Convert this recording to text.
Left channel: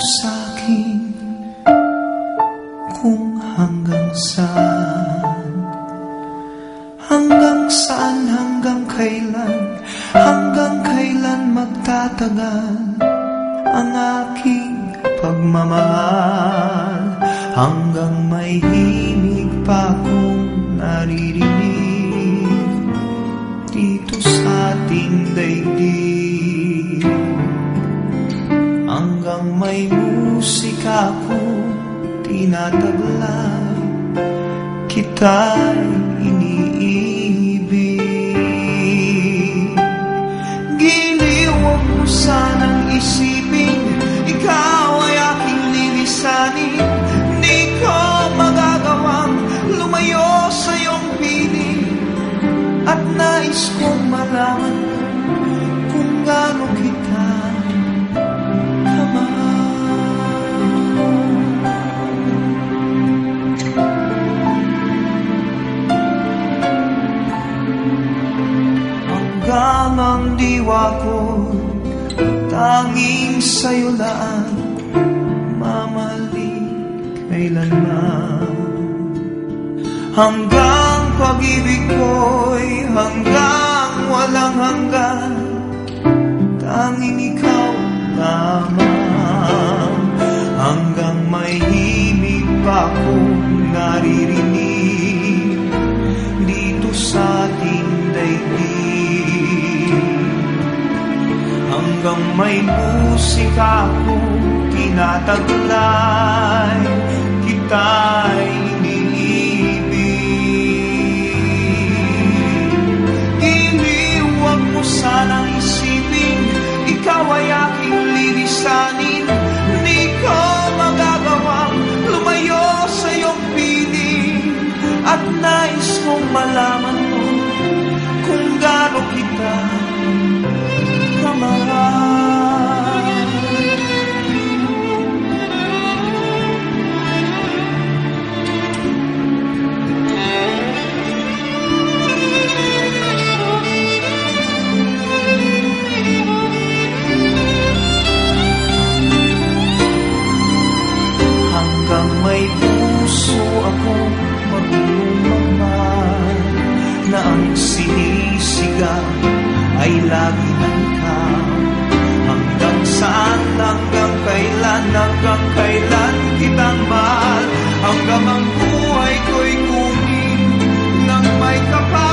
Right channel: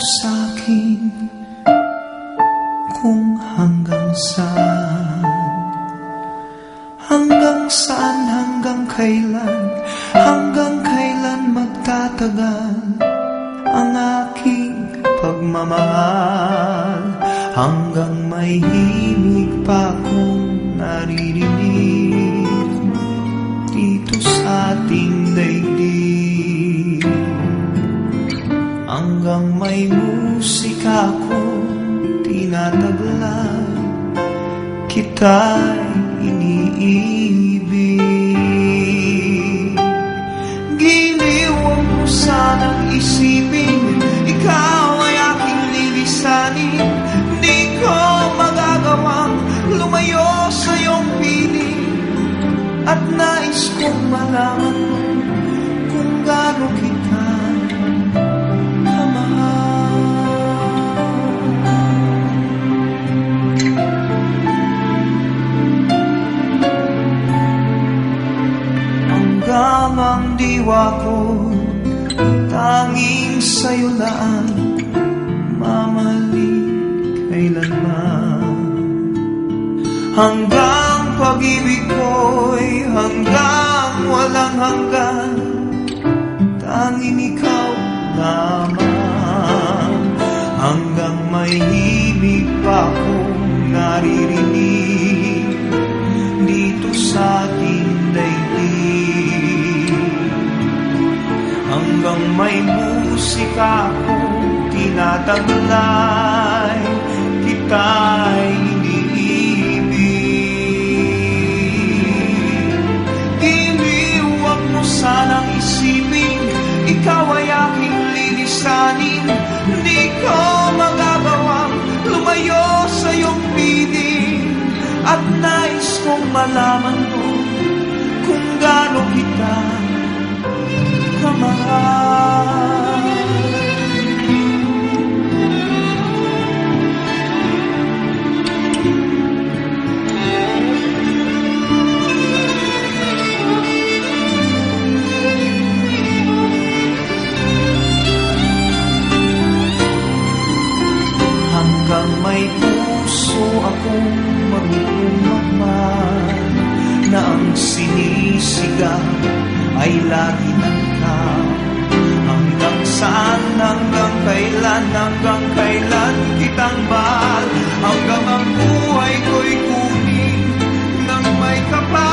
sa'kin kung hanggang saan, hanggang kailan magtatagal ang aking pagmamahal, hanggang may himig pa akong naririnig dito sa ating daigdig, hanggang may musika akong tinataglay, kita'y iniibig. Giliw, huwag mo sanang isipin, ikaw ay aking lilisanin. Di ko magagawang lumayo sa iyong piling, at nais kong malaman mo kung gaano kita kamahal. Hanggang ang diwa ko tanging sa'yo lang mamahalin kailanman, hanggang pag-ibig ko'y hanggang walang hanggan, tanging ikaw lamang, hanggang may himig pa akong naririnig dito sa ating daigdig, hanggang may musika akong tinataglay, kita'y iniibig. Giliw, huwag mo sanang isipin, ikaw ay aking lilisanin. Di ko magagawang lumayo sa iyong piling, at nais kong malaman mo kung gaano kita kamahal. Hanggang may puso akong marunong magmahal, na ang sinisigaw ay lagi ng ikaw. Hanggang saan, hanggang kailan kitang mahal, hanggang ang buhay ko'y kunin ng may kapal.